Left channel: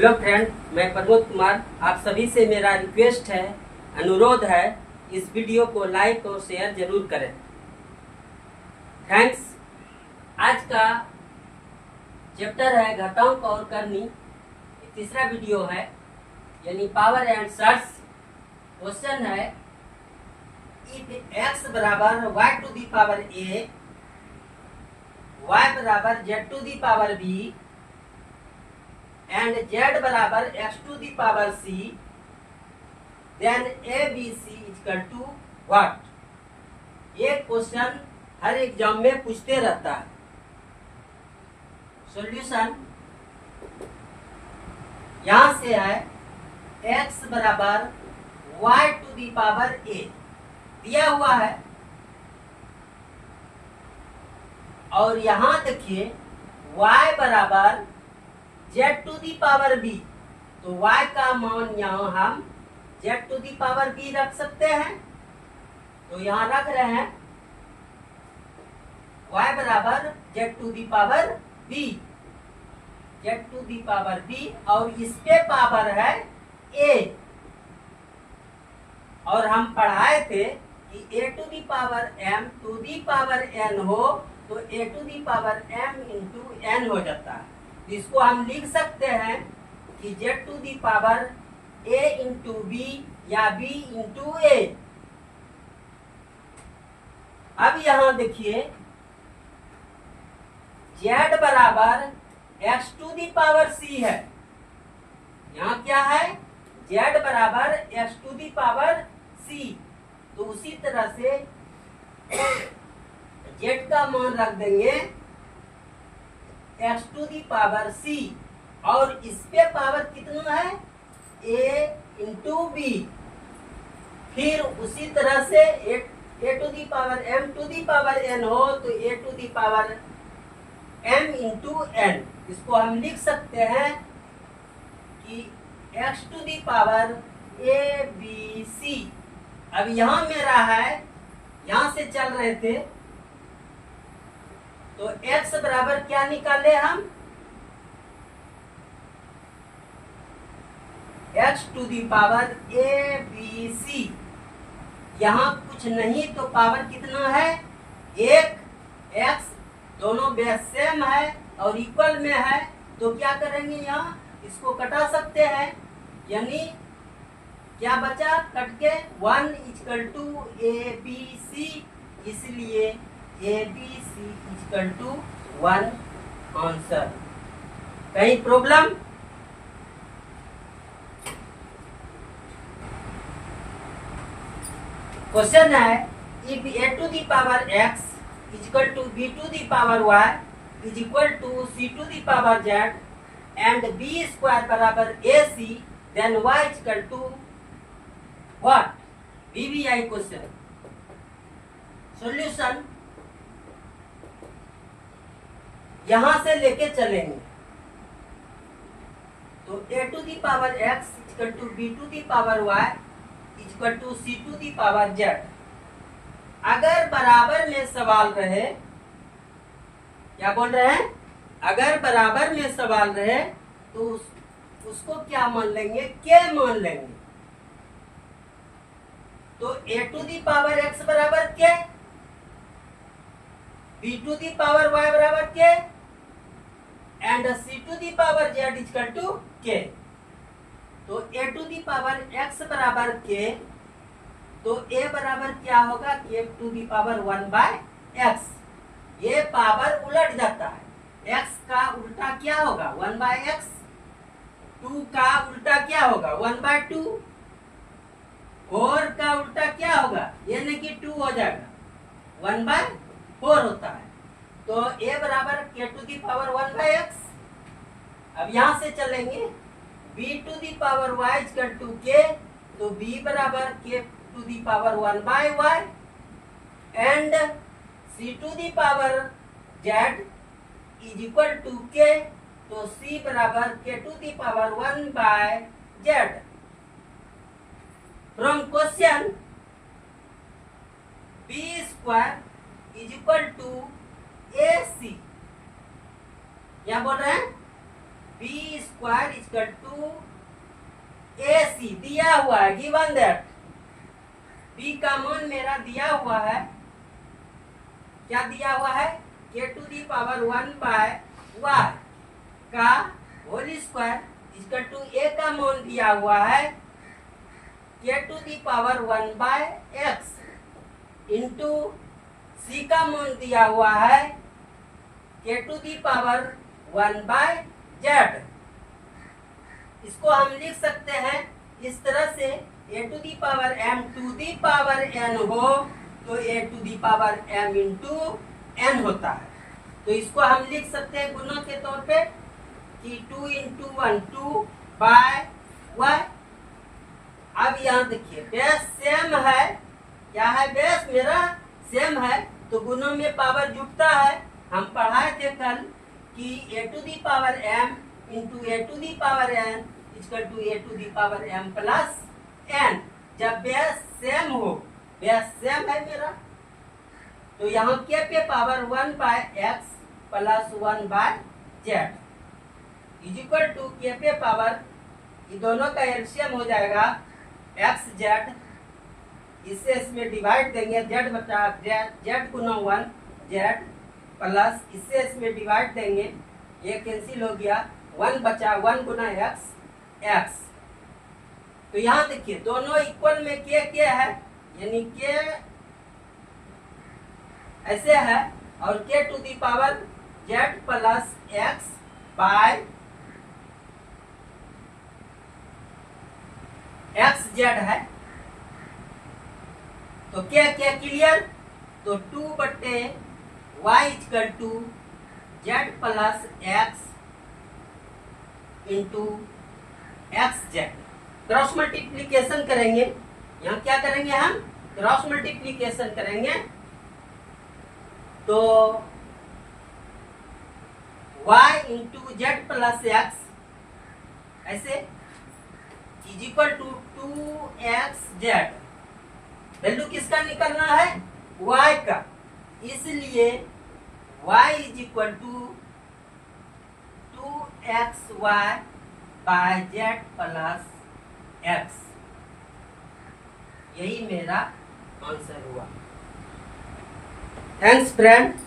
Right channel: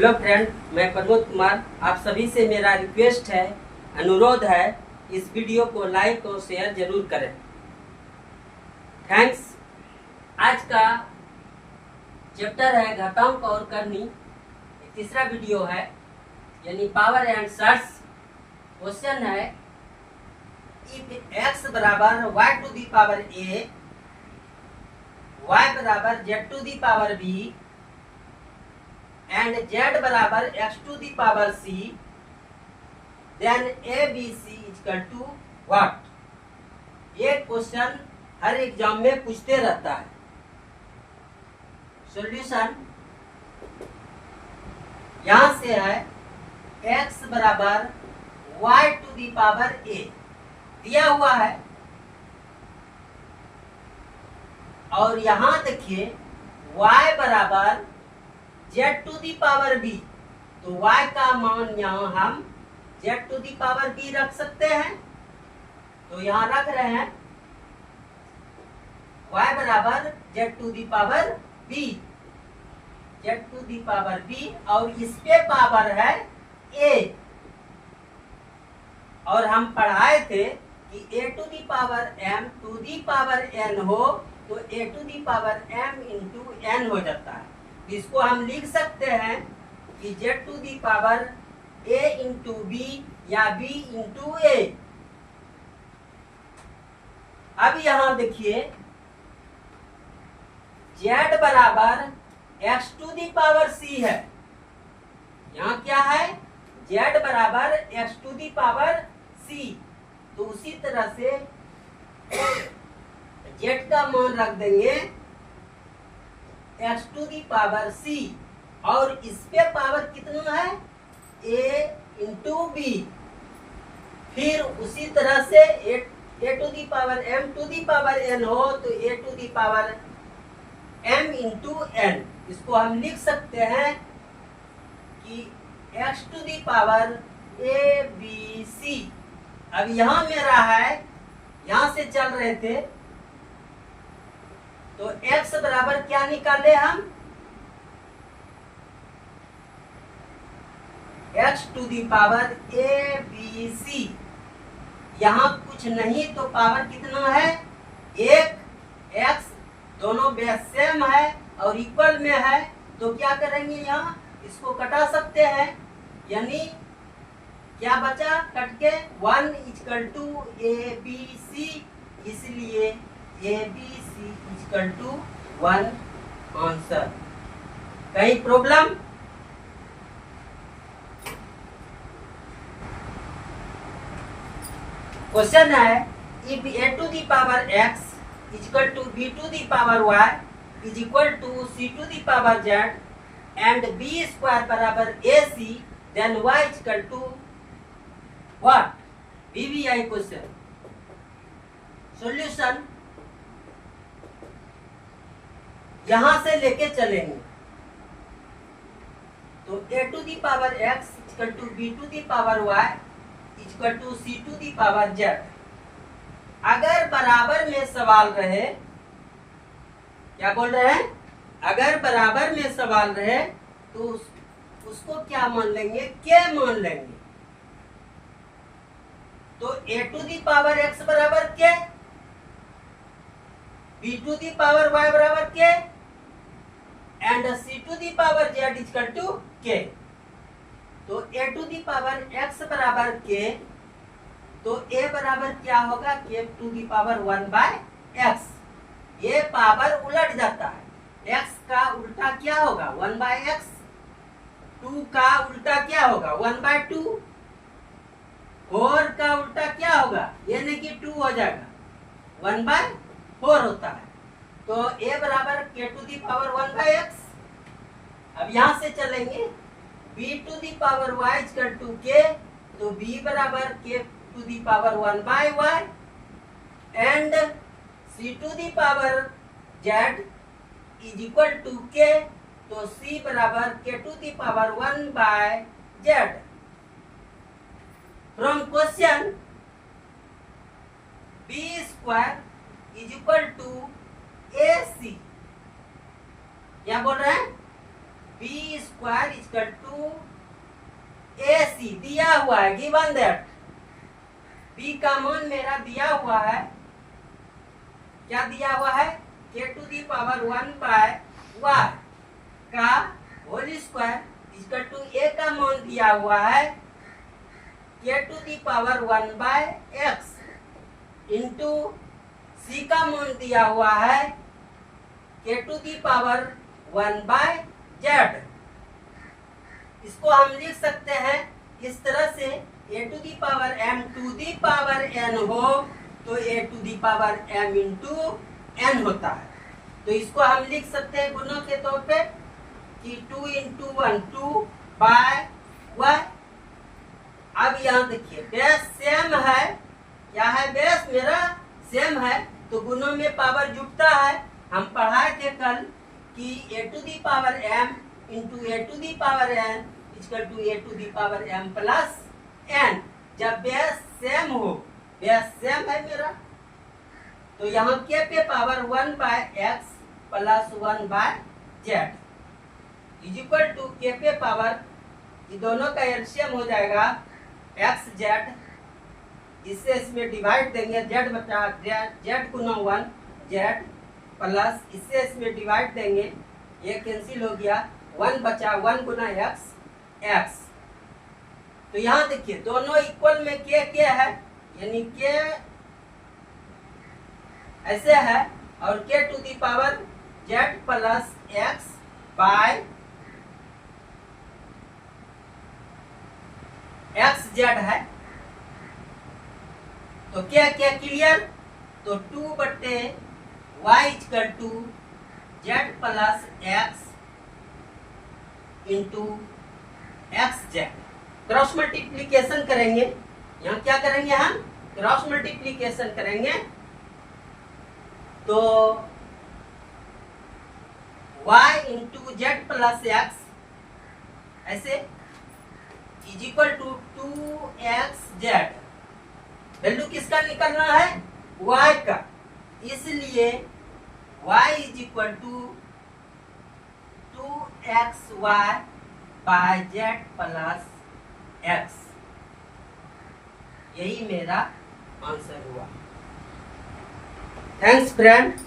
Hello friend, मैं प्रमोद कुमार। आप सभी से मेरा रिक्वेस्ट है, अनुरोध है, इस वीडियो को लाइक और शेयर जरूर करें। थैंक्स। आज का चैप्टर है घातांक और करनी, तीसरा वीडियो है, यानी पावर एंड सर्च। क्वेश्चन है, इफ x बराबर y to the power a, y बराबर z to the power b and z बराबर x to the power c, then ABC equal to what. ये क्वेश्चन हर exam में पूछते रहता है। सॉल्यूशन यहां से है, x बराबर y to the power a दिया हुआ है, और यहां देखिए y बराबर z to the power b, तो y का मान यहां हम z to the power b रख सकते हैं। तो यहां रख रहे हैं y बराबर z to the power b, z to the power b, और इस पे पावर है a। और हम पढ़ाए थे कि a to the power m to the power n हो तो a to the power m into n हो जाता है। इसको हम लिख सकते हैं कि z to the power a into b या b इंटू a। अब यहां देखिए z बराबर x to the power c है। यहां क्या है, z बराबर x to the power c। तो उसी तरह से z का मान रख देंगे x to the power c, और इस पे पावर कितना है, a इंटू b। फिर उसी तरह से a to the power m to the power n हो तो a to the power m into n। इसको हम लिख सकते हैं कि x to the power a b c। अब यहां मेरा है, यहां से चल रहे थे तो x बराबर क्या निकाले हम, x to the power a b c। यहाँ कुछ नहीं तो पावर कितना है, एक। x दोनों बेस सेम है और इक्वल में है, तो क्या करेंगे, यहाँ इसको कटा सकते हैं, यानी क्या बचा, कट के 1 equal to a b c, इसलिए a b c equal to 1 answer. कहीं प्रॉब्लम? क्वेश्चन है, if a to the power x equal to b to the power y is equal to c to the power z and b square बराबर ac, then y equal to what. VBI question. Solution यहां से लेके चलेंगे, तो a to the power x equal to b to the power y equal to c to the power z। अगर बराबर में सवाल रहे, क्या बोल रहे हैं, अगर बराबर में सवाल रहे तो उसको क्या मान लेंगे, k मान लेंगे। तो a to the power x बराबर k, b to the power y बराबर k and c to the power z equal to k। तो a to the power x बराबर k, तो a बराबर क्या होगा, k to the power 1 by x। ये power उलट जाता है, x का उल्टा क्या होगा, 1 बाय x। 2 का उल्टा क्या होगा, 1 बाय 2। 4 का उल्टा क्या होगा, यानी कि 2 हो जाएगा, 1 बाय 4 होता है। तो a बराबर k to the power 1 by x। अब यहां से चलेंगे, b to the power y equal to k, तो b बराबर k to the power 1 by y and c to the power z is equal to k, तो c बराबर k to the power 1 by z। From question b square is equal to ac, क्या बोल रहे हैं, b B square equal to ए सी दिया हुआ है, given that B का मान मेरा दिया हुआ है, क्या दिया हुआ है, K to the power 1 by Y का whole square equal to A का मान दिया हुआ है K to the power 1 by X into C का मान दिया हुआ है K to the power 1 by Z. इसको हम लिख सकते हैं इस तरह से, A to the power M to the power N हो तो A to the power M into N होता है। तो इसको हम लिख सकते हैं गुणों के तौर पे कि 2 इंटू 1 2 बाय वाई। अब यहाँ देखिए बेस सेम है, क्या है, बेस मेरा सेम है तो गुणों में पावर जुटता है। हम पढ़ाए थे कल कि A to the power M into A to the power N equal to A to the power M plus N. जब बेस सेम हो, बेस सेम है मेरा, तो यहाँ के पे power 1 by X plus 1 by Z is equal to K पे power, ये दोनों का एलसीएम हो जाएगा एक्स जेड, इससे इसमें डिवाइड देंगे जेड बचा जेड गुना 1 जेड प्लस इससे इसमें डिवाइड देंगे, ये कैंसिल हो गया, 1 बचा 1 गुना एक्स एक्स। तो यहाँ देखिए दोनों इक्वल में के है, यानी के ऐसे है और K to the power Z plus X by X Z है। तो क्या क्या क्लियर, तो 2 बट्टे Y equal to Z plus X into X Z. Cross multiplication करेंगे, यहाँ क्या करेंगे, हम क्रॉस मल्टीप्लीकेशन करेंगे तो y into Z plus X ऐसे is equal to 2xz। Value किसका निकलना है, y का, इसलिए y is equal to 2xy by Z plus X. यही मेरा आंसर हुआ। Thanks friend.